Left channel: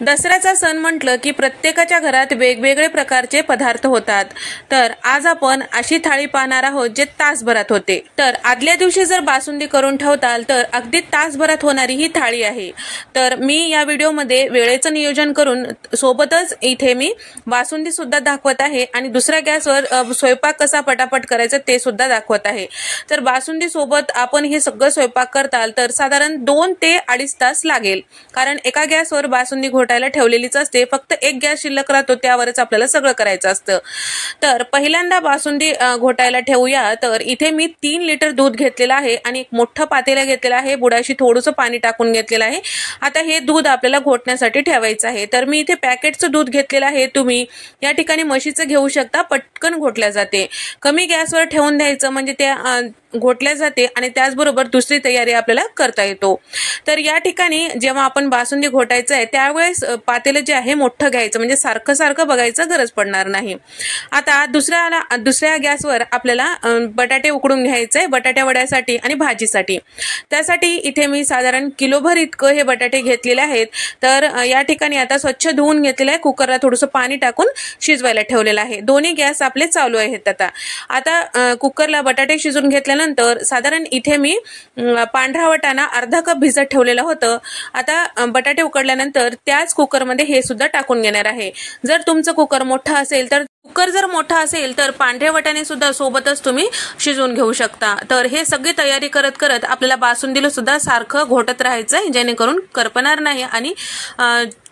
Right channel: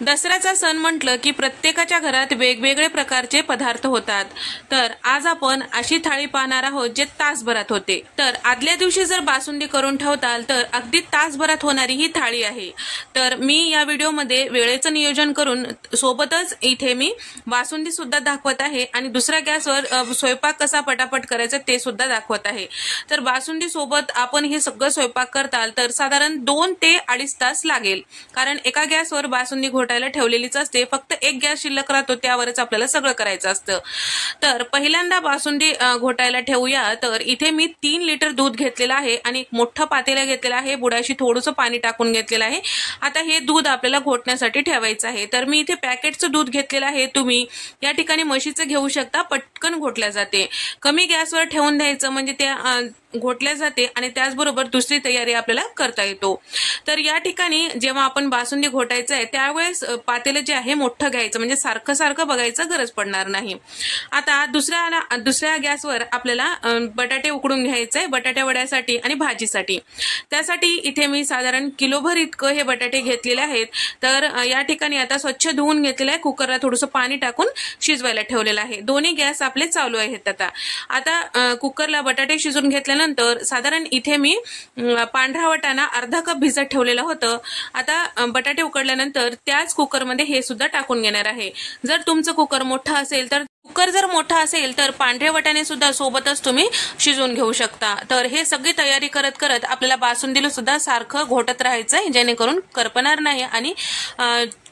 दसऱ्याचा सण म्हटलं की प्रत्येकाच्या घरात वेगवेगळे प्रकारचे पदार्थ होतात। तर आज आपण अशी थाळी पाहणार आहोत जे तासभरात होते। तर आदल्या दिवशी जर बासुंदी करून ठेवताल तर अगदी तासभरात होणारी ही थाळी आहे। तर मी या व्हिडिओमध्ये वेळेचं नियोजन करून सोबतच इथे मी बासुंदी सुद्धा दाखवत आहे आणि दुसऱ्या गॅसवर स्वयंपाक कसा पटापट करायचा ते सुद्धा दाखवत आहे। तर बासुंदी सोबत आपण हे सगळं स्वयंपाक करताल तर साधारण 2 ते 2.5 तास लागेल, कारण एका गॅसवर बासुंदी घोटायला ठेवलेलीच असते, फक्त एक गॅस शिल्लक राहतो त्यावरच आपल्याला सगळं करायचं असतं। तर पहिल्यांदा बासुंदी घोटायला ठेवूया। तर इथे मी 3 लिटर दूध घेतलेलं आहे आणि एक मोठं पातेलं घेतलेलं आहे, बुडाशी थोडंसं पाणी टाकून घेतलेलं आहे। आता हे दूध आपल्याला घोटण्यासाठी ठेवायचं आहे। तर मी इथे पॅकेटचं दूध घेतलेलं आहे, तुम्ही या ठिकाणी म्हशीचं घेऊ शकता, पटकन घोटल्या जाते। कमी गॅसवर ठेवून द्यायचं म्हणजे ते घोटल्या जाते आणि त्याचबरोबर दुसरी तयारी आपल्याला करता येतो। तर या ठिकाणी जेव्हा आपण बासुंदी घोटायचं आहे त्यावेळेस पातेलं जे आहे मोठं घ्यायचं, म्हणजे सारखं सारखं बघायचं गरज पडणार नाही। आता दुसऱ्या गॅसवर आपल्याला बटाटे उकडून घ्यायचे, बटाट्या वड्यासाठी आणि भाजीसाठी। त्यासाठी इथे मी साधारण किलोभर इतकं हे बटाटे घेतलेले आहेत। तर या ठिकाणी आता स्वच्छ धुवून घेतलेलं आहे, कुकरला थोडंसं पाणी टाकून शिजवायला ठेवलेलं आहे। दोन्ही गॅस आपले चालू आहेत। आता कुकरला बटाटे शिजून घेतल्यानंतर साधारण इथे मी पांढरा वाटाणा अर्धा कप भिजत ठेवलेलं होतं। आता बटाटे उकडल्यानंतर त्याच कुकरमध्ये हे सुद्धा टाकून घेणार आहे। जर तुमचं कुकर मोठा असेल तर पांढरे वाटाणे सुद्धा सोबतच तुम्ही शिजवून घेऊ शकता। तर हे सगळी तयारी करत करत आपल्याला बासुंदीला सुद्धा सारखं घोटत राहायचंय, जेणेकरून करपणार नाही आणि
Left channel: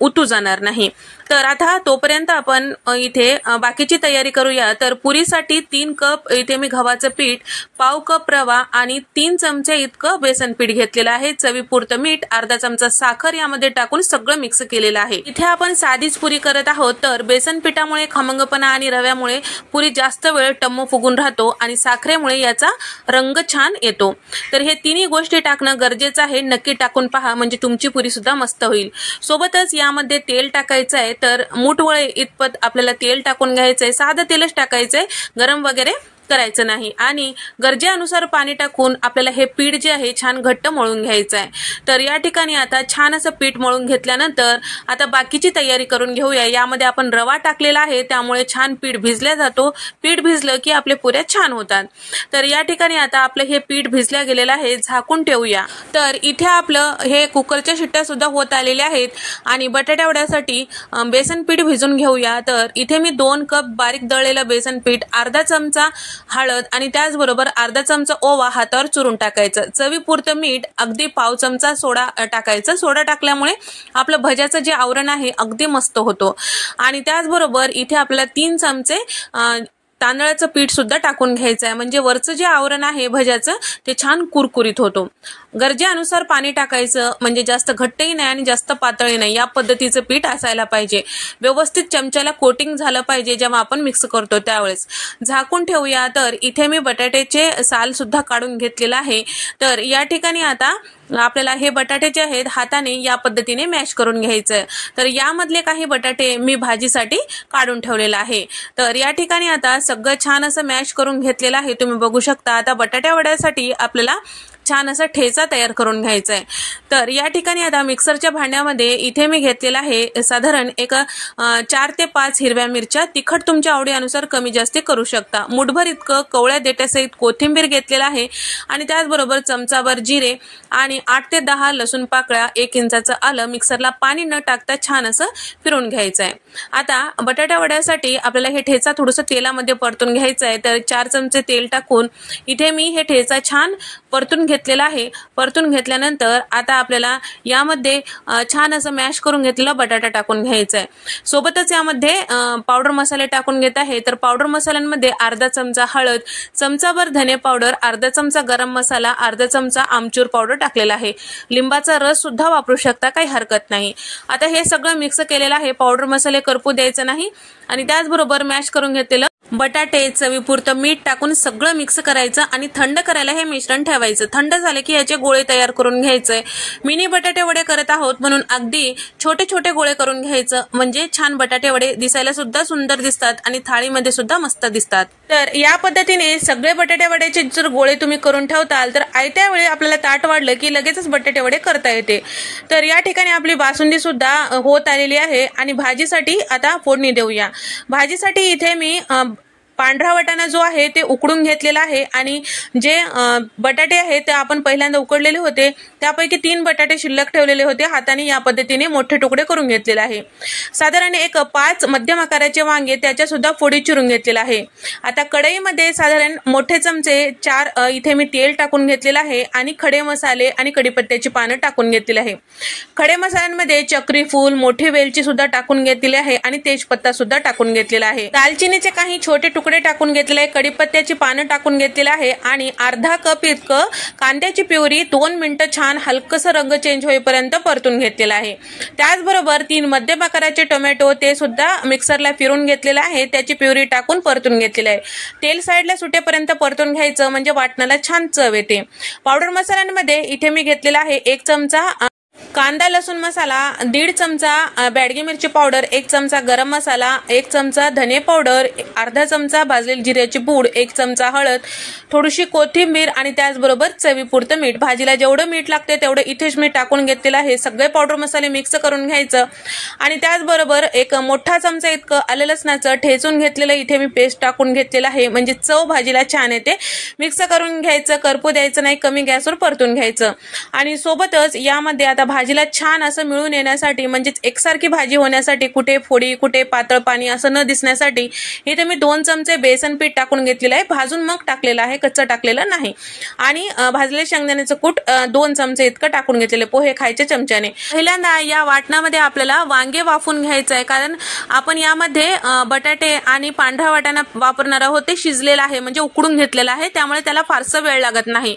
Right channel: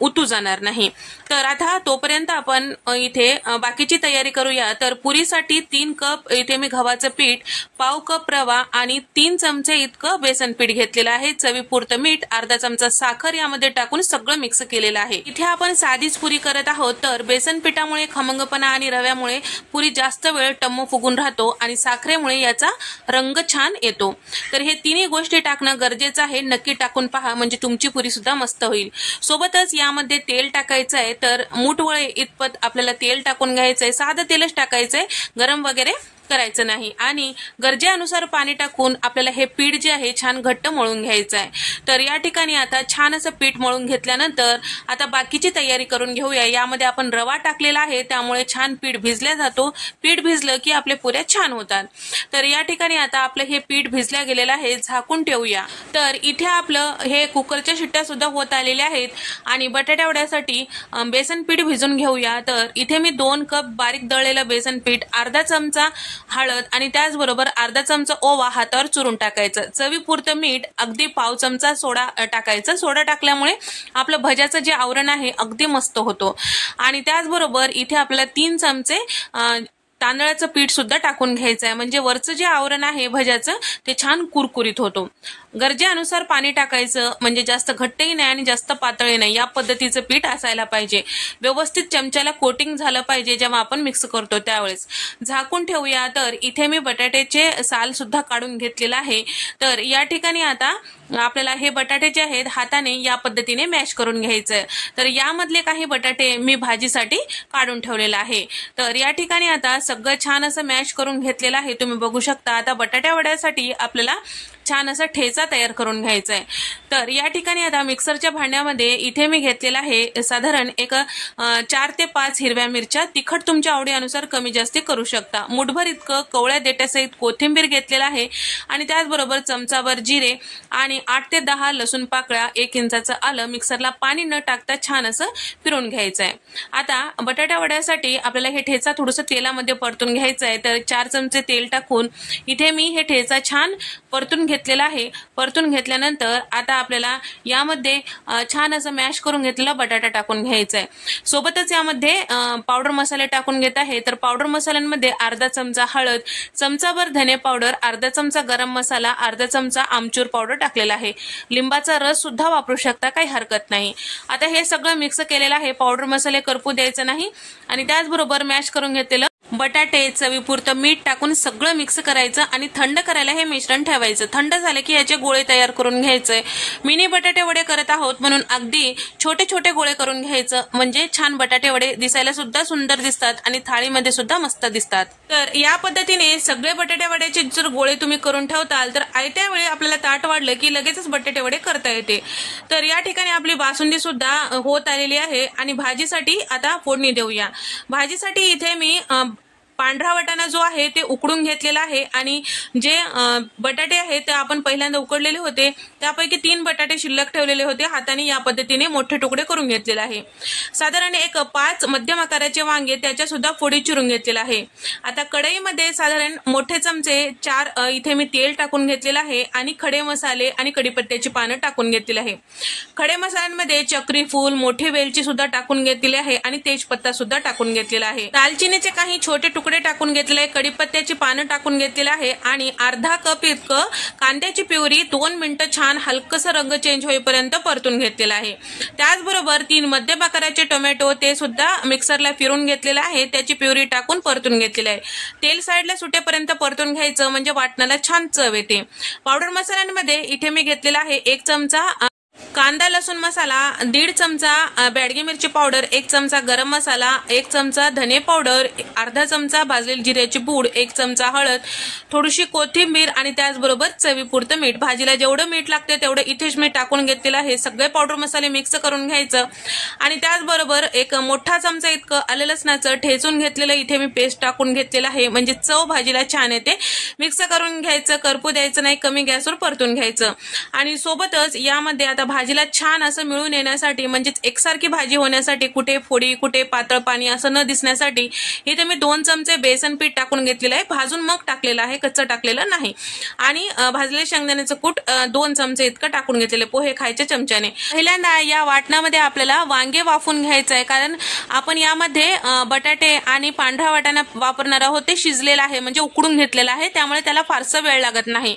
उतू जाणार नाही। तर आता तोपर्यंत आपण इथे बाकीची तयारी करूया। तर पुरीसाठी 3 कप इथे मी गव्हाचं पीठ, पाव कप रवा आणि 3 चमचे इतकं बेसन पीठ घेतलेलं आहे। चवीपुरतं मीठ, अर्धा चमचा साखर यामध्ये टाकून सगळं मिक्स केलेलं आहे। इथे आपण साधीच पुरी करत आहोत, तर बेसन पिठामुळे खमंगपणा आणि रव्यामुळे पुरी जास्त वेळ टम्म फुगून राहतो आणि साखरेमुळे याचा रंग छान येतो। तर हे तिन्ही गोष्टी टाकणं गरजेचं आहे, नक्की टाकून पहा म्हणजे तुमची पुरी सुद्धा मस्त होईल। सोबतच यामध्ये तेल टाकायचं आहे, तर मुठवळे इतपत आपल्याला तेल टाकून घ्यायचंय, साधं तेलच टाकायचंय, गरम वगैरे करायचं नाही। आणि गरजेनुसार पाणी टाकून आपल्याला हे पीठ जे आहे छान घट्ट मळून घ्यायचं आहे। तर या ठिकाणी आता छान असं पीठ मळून घेतल्यानंतर आता बाकीची तयारी करून घेऊया। यामध्ये आपण रवा टाकलेला आहे, त्यामुळे छान पीठ भिजल्या जातो, पीठ भिजलं की आपले पुऱ्या छान होतात। तर या ठिकाणी आता आपलं हे पीठ भिजल्या गेलेलं आहे, झाकून ठेवूया। तर इथे आपलं हे कुकरच्या शिट्ट्या सुद्धा होत आलेल्या आहेत आणि बटाट्या वड्यासाठी बेसन पीठ भिजून घेऊया। तर इथे मी 2 कप बारीक दळलेलं बेसन पीठ, अर्धा चमचा हळद आणि त्याचबरोबर अर्धा चमचा ओवा हातावर चुरून टाकायचं, चवीपुरतं मीठ, अगदी पाव चमचा सोडा टाकायचं। सोडा टाकल्यामुळे आपलं भज्याचं जे आवरण आहे अगदी मस्त होतो। आणि त्याचबरोबर इथे आपल्याला 3 चमचे तांदळाचं पीठ सुद्धा टाकून घ्यायचं आहे, म्हणजे वरचं जे आवरण आहे भज्याचं ते छान कुरकुरीत होतो। गरजेनुसार पाणी टाकायचं, म्हणजे जास्त घट्टही नाही आणि जास्त पातळही नाही, या पद्धतीचं पीठ असायला पाहिजे। व्यवस्थित चमच्याला कोटिंग झालं पाहिजे जेव्हा आपण मिक्स करतो त्यावेळेस। झाकून ठेवूया। तर इथे मी बटाट्याचे साल सुद्धा काढून घेतलेलं आहे। तर या ठिकाणी आता आपल्याला हे बटाटे जे आहेत हाताने या पद्धतीने मॅश करून घ्यायचं। तर यामधले काही बटाटे मी भाजीसाठी काढून ठेवलेलं आहे। तर या ठिकाणी आता सगळं छान असं मॅश करून घेतलेलं आहे, तुम्ही बघू शकता। आता बटाट्या वड्यासाठी आपल्याला छान असा ठेचा तयार करून घ्यायचा आहे। तर या ठिकाणी आता मिक्सरच्या भांड्यामध्ये इथे मी घेतलेला आहे साधारण 4 ते 5 हिरव्या मिरच्या, तिखट तुमच्या आवडीनुसार कमी जास्त करू शकता। मुठभर इतकं कवळ्या देठासहित कोथिंबीर घेतलेला आहे आणि त्याचबरोबर चमचाभर जिरे आणि 8 ते 10 लसूण पाकळ्या, 1 इंचाचं आलं मिक्सरला पाणी न टाकता छान असं फिरवून घ्यायचं आहे। आता बटाट्या वड्यासाठी आपल्याला हे ठेचा थोडंसं तेलामध्ये परतून घ्यायचं आहे। तर 4 चमचे तेल टाकून इथे मी हे ठेचा छान परतून घेतलेला आहे। परतून घेतल्यानंतर आता आपल्याला यामध्ये छान असं मॅश करून घेतलेला बटाटा टाकून घ्यायचा आहे। सोबतच यामध्ये पावडर मसाले टाकून घेत आहे। तर पावडर मसाल्यांमध्ये अर्धा चमचा हळद, चमचाभर धने पावडर, अर्धा चमचा गरम मसाला, अर्धा चमचा आमचूर पावडर टाकलेला आहे। लिंबाचा रस सुद्धा वापरू शकता, काही हरकत नाही। आता हे सगळं मिक्स केलेलं आहे, पावडर मसाले करपू द्यायचं नाही आणि त्याचबरोबर मॅश करून घेतलेलं बटाटे, चवीपुरतं मीठ टाकून सगळं मिक्स करायचं आणि थंड करायला हे मिश्रण ठेवायचं। थंड झाले की याचे गोळे तयार करून घ्यायचे। मिनी बटाटे वडे करत आहोत म्हणून अगदी छोटे छोटे गोळे करून घ्यायचं, म्हणजे छान बटाटे वडे दिसायला सुद्धा सुंदर दिसतात आणि थाळीमध्ये सुद्धा मस्त दिसतात। तर या पद्धतीने सगळे बटाटे वड्याचे जर गोळे तुम्ही करून ठेवताल तर आयत्या वेळी आपल्याला ताट वाढलं की लगेचच बटाटे वडे करता येते। तर या ठिकाणी आपली बासुंदी सुद्धा होत आलेली आहे आणि भाजीसाठी आता फोडणी देऊया। भाजीसाठी इथे मी पांढरा वाटाणा जो आहे ते उकडून घेतलेला आहे आणि जे बटाटे आहेत ते आपण पहिल्यांदा उकडलेले होते, त्यापैकी 3 बटाटे शिल्लक ठेवलेले होते, हाताने या पद्धतीने मोठे तुकडे करून घेतलेले आहे। साधारण एक 5 मध्यम आकाराचे वांगे त्याच्या सुद्धा फोडी चिरून घेतलेला आहे। आता कढईमध्ये साधारण मोठे चमचे 4 इथे मी तेल टाकून घेतलेला आहे आणि खडे मसाले आणि कढीपत्त्याची पानं टाकून घेतलेली आहे। खडे मसाल्यांमध्ये चक्री फूल, मोठी वेलची सुद्धा टाकून घेतलेली आहे आणि तेजपत्ता सुद्धा टाकून घेतलेला आहे। दालचिनीचे काही छोटे तुकडे टाकून घेतले, कढीपत्त्याची पानं टाकून घेतलेली आहे आणि अर्धा कप इतकं कांद्याची प्युरी 2 मिनिटं छान हलकसं रंग चेंज होईपर्यंत परतून घेतलेला आहे। त्याचबरोबर 3 मध्यम आकाराचे टोमॅटो ते सुद्धा मिक्सरला फिरून घेतलेला आहे, त्याची प्युरी टाकून परतून घेतलेली आहे। तेल साईडला सुटेपर्यंत परतून घ्यायचं, म्हणजे वाटणाला छान चव येते। पावडर मसाल्यांमध्ये इथे मी घेतलेला आहे 1 चमचा कांदा लसूण मसाला, 1.5 चमचा बॅडगी मिरची पावडर, 1 चमचा गरम मसाला, 1 चमचा धने पावडर, अर्धा चमचा भाजलेली जिऱ्याची पूड, 1 चमचा हळद, थोडीशी कोथिंबीर आणि त्याचबरोबर चवीपुरतं मीठ। भाजीला जेवढं मीठ लागते तेवढं इथेच मी टाकून घेतलेलं आहे। सगळे पावडर मसाले मिक्स करून घ्यायचं आणि त्याचबरोबर एक मोठा चमचा इतकं आलं लसणाचं ठेचून घेतलेलं इथे मी पेस्ट टाकून घेतलेलं आहे, म्हणजे चव भाजीला छान येते। मिक्स करून घ्यायचं, करपू द्यायचं नाही, कमी गॅसवर परतून घ्यायचं आणि सोबतच यामध्ये आता भाजीला छान असं मिळून येण्यासाठी, म्हणजे एकसारखी भाजी होण्यासाठी, कुठे फोडी कुठे पातळ पाणी असं न दिसण्यासाठी इथे मी 2 चमचे बेसन पीठ टाकून घेतलेलं आहे। भाजून मग टाकलेलं आहे, कच्चं टाकलेलं नाही। आणि भाजलेले शेंगदाण्याचं कूट 2 चमचे इतकं टाकून घेतलेले, पोहे खायच्या चमच्याने। पहिल्यांदा या वाटणामध्ये आपल्याला वांगे वाफून घ्यायचं आहे, कारण आपण यामध्ये बटाटे आणि पांढरा वाटाणा वापरणार आहोत, ते शिजलेलं आहे म्हणजे उकडून घेतलेलं आहे, त्यामुळे त्याला फारसा वेळ लागत नाही।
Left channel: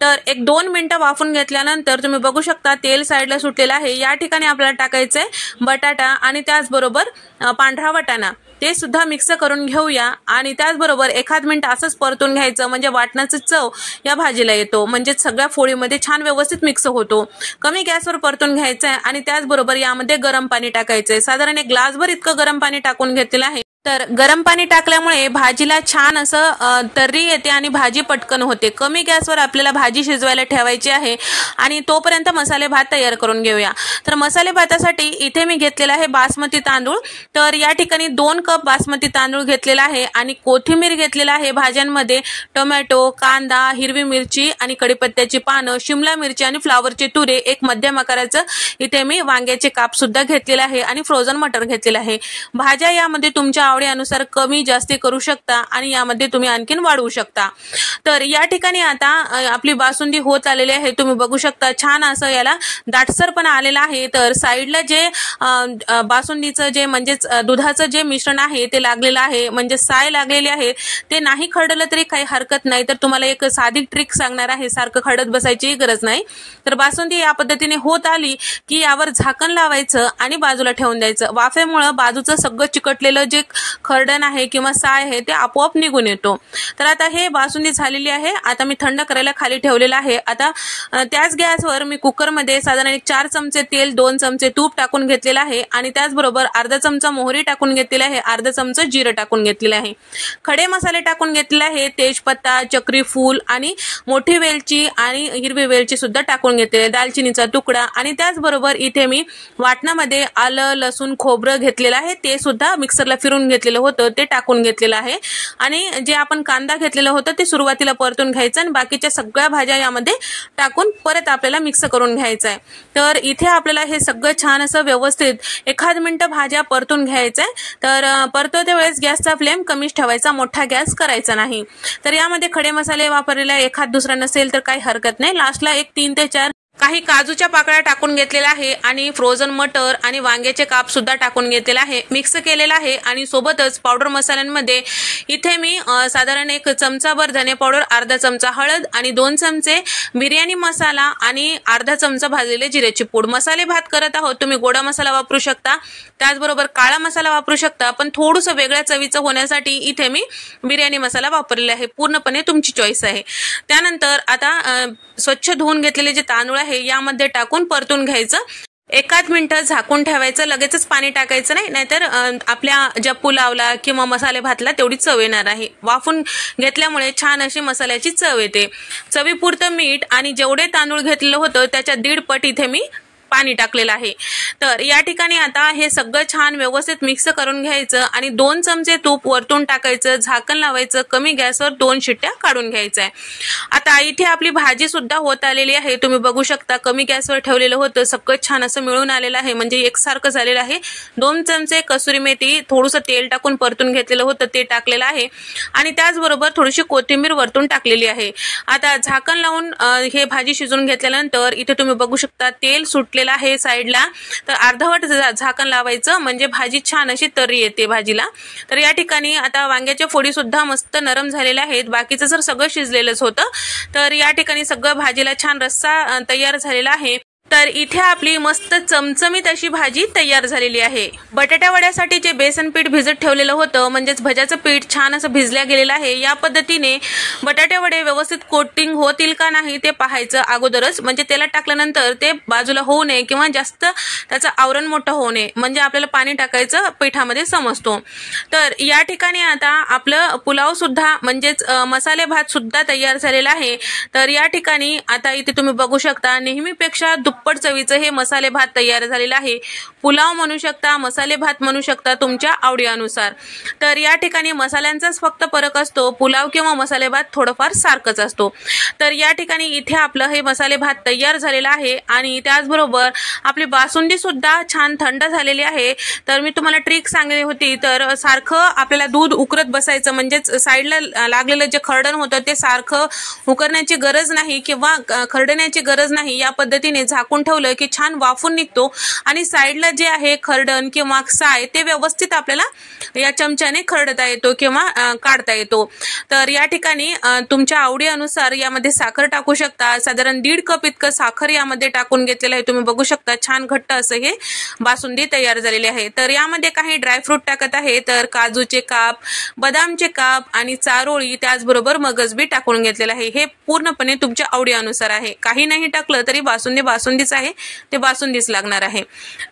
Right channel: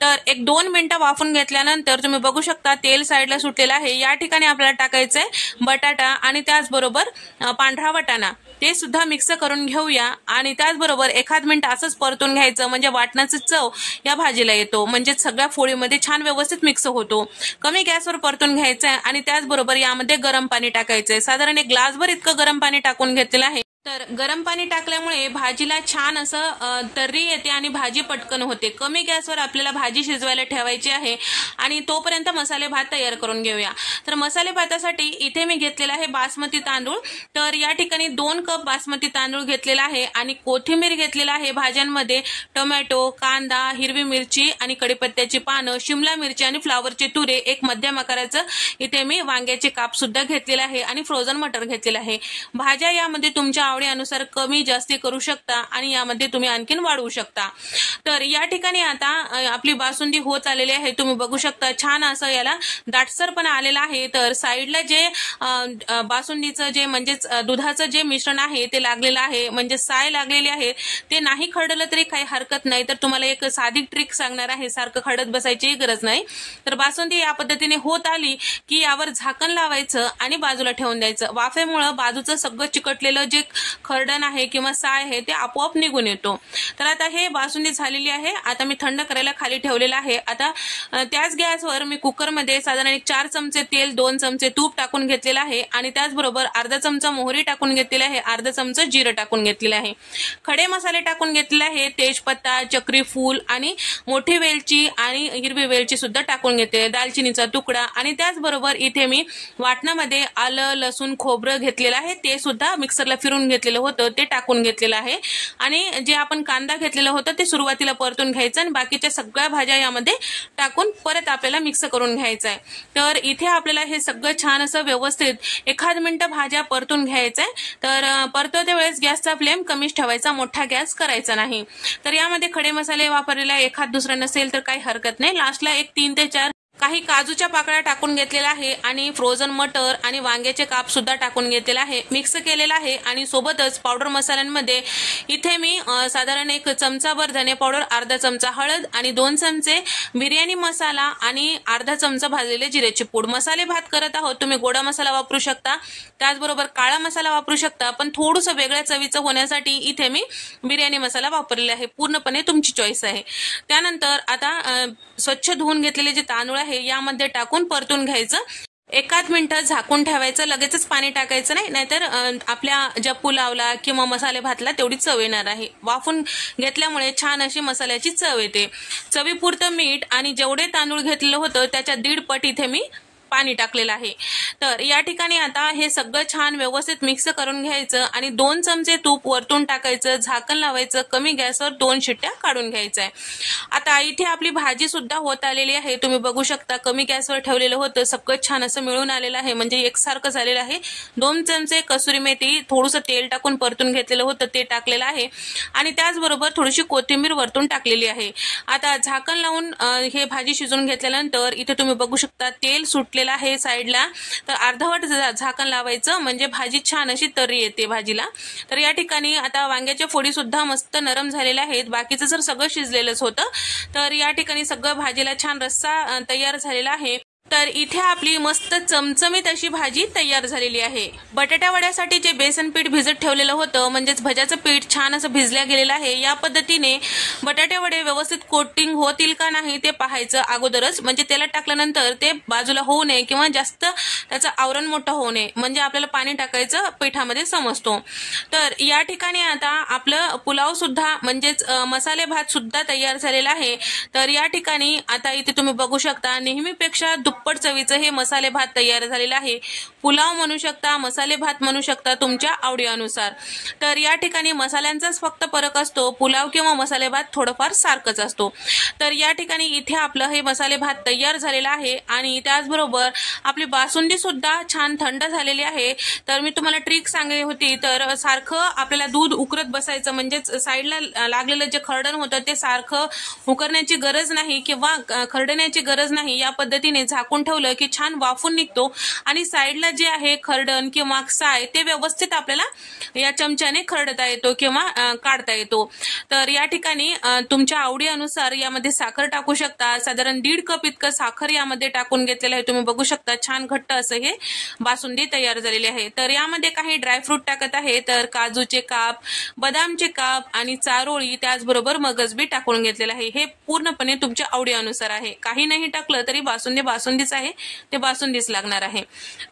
तर 1-2 मिनिटं वाफून घेतल्यानंतर तुम्ही बघू शकता तेल साईडला सुटलेलं आहे। या ठिकाणी आपल्याला टाकायचंय बटाटा आणि त्याचबरोबर पांढरा वाटाणा, ते सुद्धा मिक्स करून घेऊया आणि त्याचबरोबर 1 मिनिट असंच परतून घ्यायचं, म्हणजे वाटणाची चव या भाजीला येतो, म्हणजे सगळ्या फोडीमध्ये छान व्यवस्थित मिक्स होतो। कमी गॅसवर परतून घ्यायचंय आणि त्याचबरोबर यामध्ये गरम पाणी टाकायचंय। साधारण 1 ग्लासभर इतकं गरम पाणी टाकून घेतलेलं आहे। तर गरम पाणी टाकल्यामुळे भाजीला छान असं तर्री येते आणि भाजी पटकन होते। कमी गॅसवर आपल्याला भाजी शिजवायला ठेवायची आहे आणि तोपर्यंत मसाले भात तयार करून घेऊया। तर मसाले भातासाठी इथे मी घेतलेला आहे बासमती तांदूळ। तर या ठिकाणी 2 कप बासमती तांदूळ घेतलेला आहे आणि कोथिंबीर घेतलेला आहे। भाज्यांमध्ये टोमॅटो, कांदा, हिरवी मिरची आणि कढीपत्त्याची पानं, शिमला मिरची आणि फ्लावरचे तुरे, 1 मध्यम आकाराचं इथे मी वांग्याचे काप सुद्धा घेतलेला आहे आणि फ्रोझन मटर घेतलेला आहे। भाज्या यामध्ये तुमच्या आवडीनुसार कमी जास्ती करू शकता आणि यामध्ये तुम्ही आणखीन वाढवू शकता। तर या ठिकाणी आता आपली बासुंदी होत आलेली आहे, तुम्ही बघू शकता छान असं याला दाटसरपणा आलेला आहे। तर साईडला जे बासुंदीचं जे म्हणजेच दुधाचं जे मिश्रण आहे ते लागलेलं आहे, म्हणजे साय लागलेली आहे, ते नाही खरडलं तरी काही हरकत नाही। तर तुम्हाला एक साधी ट्रिक सांगणार आहे, सारखं खरडत बसायची गरज नाही। तर बासुंदी या पद्धतीने होत आली की यावर झाकण लावायचं आणि बाजूला ठेवून द्यायचं। वाफेमुळे बाजूचं सगळं चिकटलेलं जे खरडण आहे किंवा साय आहे ते आपोआप निघून येतो। तर आता हे बासुंदी झालेली आहे, आता मी थंड करायला खाली ठेवलेलं आहे। आता त्याच गॅसवर मी कुकरमध्ये साधारण 4 चमचे तेल, 2 चमचे तूप टाकून घेतलेलं आहे आणि त्याचबरोबर अर्धा चमचा मोहरी टाकून घेतलेला आहे, अर्धा चमचा जिरं टाकून घेतलेलं आहे। खडे मसाले टाकून घेतलेले आहे, तेजपत्ता, चक्री फूल आणि मोठी वेलची आणि हिरवी वेलची सुद्धा टाकून घेतलेली, दालचिनीचा तुकडा आणि त्याचबरोबर इथे मी वाटणामध्ये आलं, लसूण, खोबरं घेतलेलं आहे, ते सुद्धा मिक्सरला फिरून घेतलेलं होतं, ते टाकून घेतलेलं आहे आणि जे आपण कांदा घेतलेलं होतं ते सुरुवातीला परतून घ्यायचं आणि बाकीच्या सगळ्या भाज्या यामध्ये टाकून परत आपल्याला मिक्स करून घ्यायचं आहे। तर इथे आपल्याला हे सगळं छान असं व्यवस्थित 1 मिनिट भाज्या परतून घ्यायचंय। तर परतवते वेळेस गॅसचा फ्लेम कमीच ठेवायचा, मोठा गॅस करायचा नाही। तर यामध्ये खडे मसाले वापरलेला एखाद दुसरा नसेल तर काही हरकत नाही, लास्टला 3 ते 4 काही काजूच्या पाकळ्या टाकून घेतलेल्या आहे आणि फ्रोझन मटर आणि वांग्याचे काप सुद्धा टाकून घेतलेला आहे, मिक्स केलेला आहे. आणि सोबतच पावडर मसाल्यांमध्ये इथे मी साधारण 1 चमचाभर धने पावडर, अर्धा चमचा हळद आणि 2 चमचे बिर्याणी मसाला आणि अर्धा चमचा भाजलेले जिऱ्याची पूड. मसाले भात करत आहोत, तुम्ही गोडा मसाला वापरू शकता, त्याचबरोबर काळा मसाला वापरू शकता, पण थोडंसं वेगळ्या चवीचं होण्यासाठी इथे मी बिर्याणी मसाला वापरलेला आहे. पूर्णपणे तुमची चॉईस आहे. त्यानंतर आता स्वच्छ धुवून घेतलेले जे तांदूळ आहे यामध्ये टाकून परतून घ्यायचं. 1 मिनिट झाकून ठेवायचं, लगेचच पाणी टाकायचं नाही, नाहीतर आपल्या ज्या पुलावला किंवा मसाले भातला तेवढी चव येणार आहे. वाफून घेतल्यामुळे छान अशी मसाल्याची चव येते. चवीपुरतं मीठ आणि जेवढे तांदूळ घेतलेलं होतं त्याच्या 1.5 पट इथे मी पाणी टाकलेलं आहे. तर या ठिकाणी आता हे सगळं छान व्यवस्थित मिक्स करून घ्यायचं आणि 2 चमचे तूप वरतून टाकायचं, झाकण लावायचं, कमी गॅसवर 2 शिट्ट्या काढून घ्यायचं आहे. आता इथे आपली भाजी सुद्धा होत आलेली आहे, तुम्ही बघू शकता. कमी गॅसवर ठेवलेलं होतं, सगळं छान असं मिळून आलेलं आहे, म्हणजे एकसारखं झालेलं आहे. 2 चमचे कसुरी मेथी थोडंसं तेल टाकून परतून घेतलेलं होतं ते टाकलेलं आहे आणि त्याचबरोबर थोडीशी कोथिंबीर वरतून टाकलेली आहे. आता झाकण लावून हे भाजी शिजवून घेतल्यानंतर इथे तुम्ही बघू शकता तेल सुटलेलं आहे साईडला. तर अर्धवट झाकण लावायचं, म्हणजे भाजी छान अशी तर्री येते भाजीला. तर या ठिकाणी आता वांग्याच्या फोडी सुद्धा मस्त नरम झालेल्या आहेत, बाकीचं जर सगळं शिजलेलंच होतं. तर या ठिकाणी सगळं भाजीला छान रस्सा तयार झालेला आहे. तर इथे आपली मस्त चमचमीत अशी भाजी तयार झालेली आहे. बटाट्या वड्यासाठी जे बेसन पीठ भिजत ठेवलेलं होतं, म्हणजेच भज्याचं पीठ छान असं भिजल्या गेलेलं आहे. या पद्धतीने बटाटे वडे व्यवस्थित कोटिंग होतील का नाही ते पाहायचं अगोदरच, म्हणजे तेलात टाकल्यानंतर ते बाजूला होऊ नये किंवा जास्त त्याचं आवरण मोठं होऊ नये, म्हणजे आपल्याला पाणी टाकायचं पिठामध्ये समजतो. तर या ठिकाणी आता आपलं पुलाव सुद्धा म्हणजेच मसाले भात सुद्धा तयार झालेला आहे. तर या ठिकाणी आता इथे तुम्ही बघू शकता नेहमीपेक्षा दुप्पट चवीचं हे मसाले भात तयार झालेलं आहे. पुलाव म्हणू शकता, मसाले भात म्हणू शकता, तुमच्या आवडीनुसार. तर या ठिकाणी मसाल्यांचाच फक्त फरक असतो, पुलाव किंवा मसाले भात थोडंफार सारखंच असतो. तर या ठिकाणी इथे आपलं हे मसाले भात तयार झालेला आहे आणि त्याचबरोबर आपली बासुंदी सुद्धा छान थंड झालेली आहे. तर मी तुम्हाला ट्रिक सांगली होती, तर सारखं आपल्याला दूध उकरत बसायचं, म्हणजेच साईडला लागलेलं जे खरडण होतं ते सारखं उकरण्याची गरज नाही किंवा खरडण्याची गरज नाही. या पद्धतीने झाकून ठेवलं की छान वाफून निघतो आणि साईडला जे आहे खरडण किंवा साय ते व्यवस्थित आपल्याला या चमच्याने खरडता येतो किंवा काढता येतो. तर या ठिकाणी तुमच्या आवडीनुसार यामध्ये साखर टाकू शकता. साधारण 1.5 कप इतकं साखर यामध्ये टाकून घेतलेलं आहे. तुम्ही बघू शकता छान घट्ट असं हे बासुंदी तयार झालेली आहे. तर यामध्ये काही ड्रायफ्रूट टाकत आहे, तर काजूचे काप, बदामचे काप आणि चारोळी, त्याचबरोबर मगजबी टाकून घेतलेलं आहे. हे पूर्णपणे तुमच्या आवडीनुसार आहे. काही नाही टाकलं तरी बासुंदीच आहे, ते बासुंदीच लागणार आहे.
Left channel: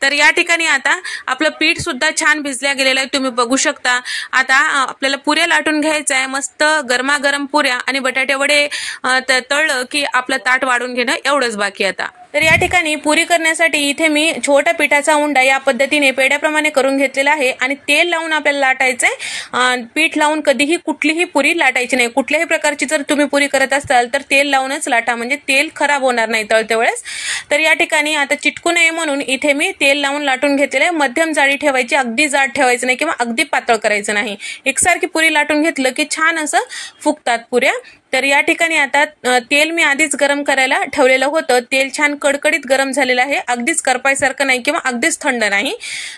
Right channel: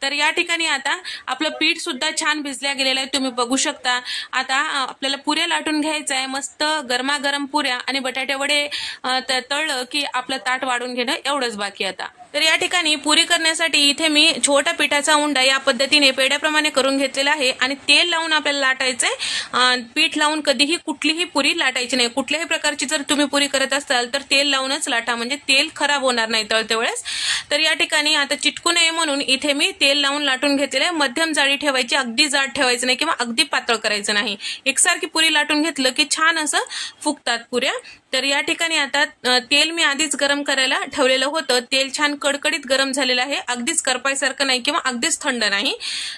तर या ठिकाणी आता आपलं पीठ सुद्धा छान भिजल्या गेलेलं आहे, तुम्ही बघू शकता. आता आपल्याला पुऱ्या लाटून घ्यायचं आहे, मस्त गरमागरम पुऱ्या, आणि बटाटे वडे तळलं की आपलं ताट वाढून घेणं एवढंच बाकी आता. तर या ठिकाणी पुरी करण्यासाठी इथे मी छोटा पिठाचा उंडा या पद्धतीने पेड्याप्रमाणे करून घेतलेला आहे आणि तेल लावून आपल्याला लाटायचंय. पीठ लावून कधीही कुठलीही पुरी लाटायची नाही. कुठल्याही प्रकारची जर तुम्ही पुरी करत असाल तर तेल लावूनच लाटा, म्हणजे तेल खराब होणार नाही तळते वेळेस. तर या ठिकाणी आता चिटकू नये म्हणून इथे मी तेल लावून लाटून घेतलेलं आहे. मध्यम जाडी ठेवायची, अगदी जाड ठेवायचं नाही किंवा अगदी पातळ करायचं नाही. एकसारखी पुरी लाटून घेतलं की छान असं फुगतात पुऱ्या. तर या ठिकाणी आता तेल मी आधीच गरम करायला ठेवलेलं होतं. तेल छान कडकडीत गरम झालेलं आहे, अगदीच करपायसारखं नाही किंवा अगदीच थंड नाही.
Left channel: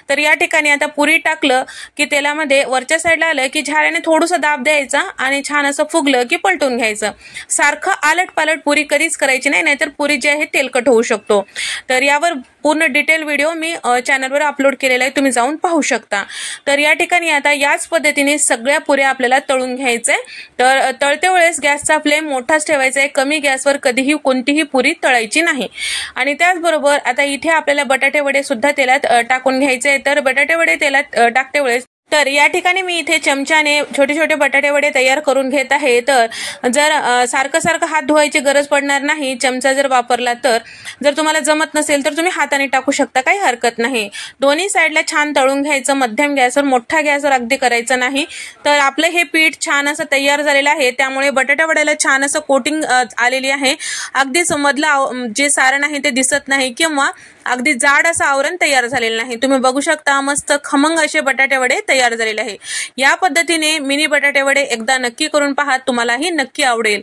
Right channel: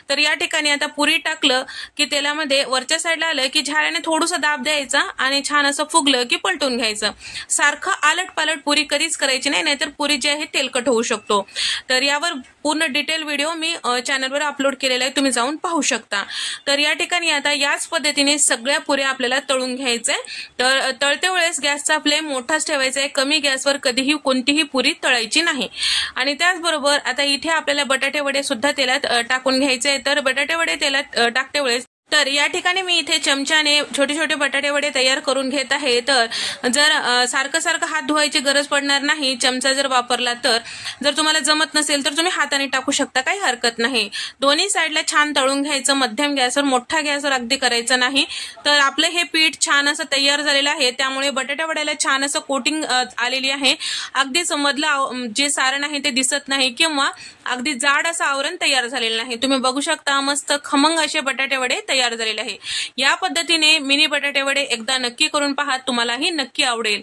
तर या ठिकाणी आता पुरी टाकलं की तेलामध्ये वरच्या साईडला आलं की झाऱ्याने थोडंसं दाब द्यायचा आणि छान असं फुगलं की पलटून घ्यायचं. सारखं आलट पालट पुरी कधीच करायची नाही, नाहीतर पुरी जी आहे तेलकट होऊ शकतो. तर यावर पूर्ण डिटेल व्हिडिओ मी चॅनलवर अपलोड केलेला आहे, तुम्ही जाऊन पाहू शकता. तर या ठिकाणी आता याच पद्धतीने सगळ्या पुऱ्या आपल्याला तळून घ्यायचंय. तर तळते वेळेस गॅसचा फ्लेम मोठाच ठेवायचा आहे, कमी गॅसवर कधीही कोणतीही पुरी तळायची नाही. आणि त्याचबरोबर आता इथे आपल्याला बटाटे वडे सुद्धा तेलात टाकून घ्यायचे. तर बटाटे वडे तेलात टाकते वेळेस तर या ठिकाणी मी इथे चमच्याने छोटे छोटे बटाटे वडे तयार करून घेत आहे. तर जर सारखं हात धुवायची गरज पडणार नाही चमचा जर वापरला तर. जर तुम्हाला जमत नसेल तर तुम्ही हाताने टाकू शकता, काही हरकत नाही. दोन्ही साईडला छान तळून घ्यायचं, मध्यम गॅसवर, मोठ्या गॅसवर अगदी करायचं नाही. तर आपलं हे पीठ छान असं तयार झालेलं आहे, त्यामुळे बटाटा वड्याला छान असं कोटिंग आलेली आहे. अगदीच मधलं जे सारण आहे ते दिसत नाही किंवा अगदी जाड असं आवरण तयार झालेलं नाही। तुम्ही बघू शकता मस्त खमंग असे बटाटे वडे तयार झालेले आहे। या पद्धतीने मिनी बटाटे वडे एकदा नक्की करून पहा, तुम्हालाही नक्की आवडेल।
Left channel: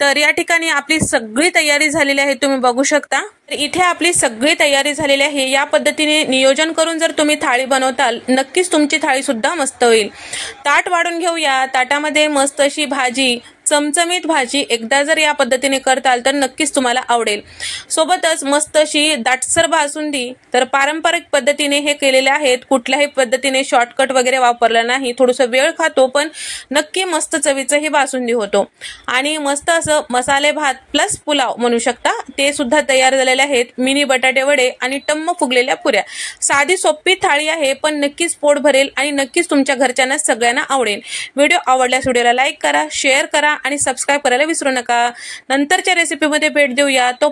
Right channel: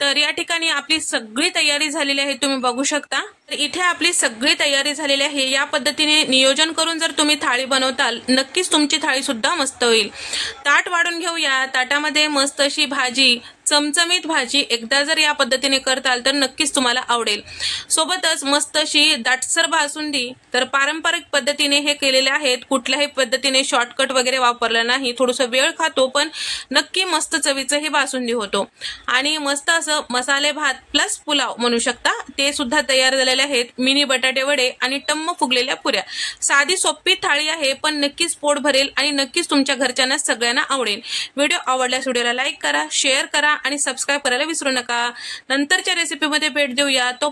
तर या ठिकाणी आपली सगळी तयारी झालेली आहे, तुम्ही बघू शकता। इथे आपली सगळी तयारी झालेली आहे। या पद्धतीने नियोजन करून जर तुम्ही थाळी बनवताल नक्कीच तुमची थाळी सुद्धा मस्त होईल। ताट वाढून घेऊया। ताटामध्ये मस्त अशी भाजी, चमचमीत भाजी एकदा जर या पद्धतीने करताल तर नक्कीच तुम्हाला आवडेल। सोबतच मस्त अशी दाटसर बासुंदी, तर पारंपरिक पद्धतीने हे केलेले आहेत, कुठल्याही पद्धतीने शॉर्टकट वगैरे वापरला नाही। थोडंसं वेळ खातो पण नक्की मस्त चवीचं ही बासुंदी होतो। आणि मस्त असं मसाले भात प्लस पुलाव म्हणू शकता, ते सुद्धा तयार झालेले आहेत। मिनी बटाटे वडे आणि टम्म फुगलेल्या पुऱ्या। साधी सोपी थाळी आहे पण नक्कीच पोट भरेल आणि नक्कीच तुमच्या घरच्यांना सगळ्यांना आवडेल। व्हिडिओ आवडल्यास व्हिडिओला लाईक करा, शेअर करा आणि सबस्क्राईब करायला विसरू नका। नंतरच्या रेसिपीमध्ये भेट देऊया। तो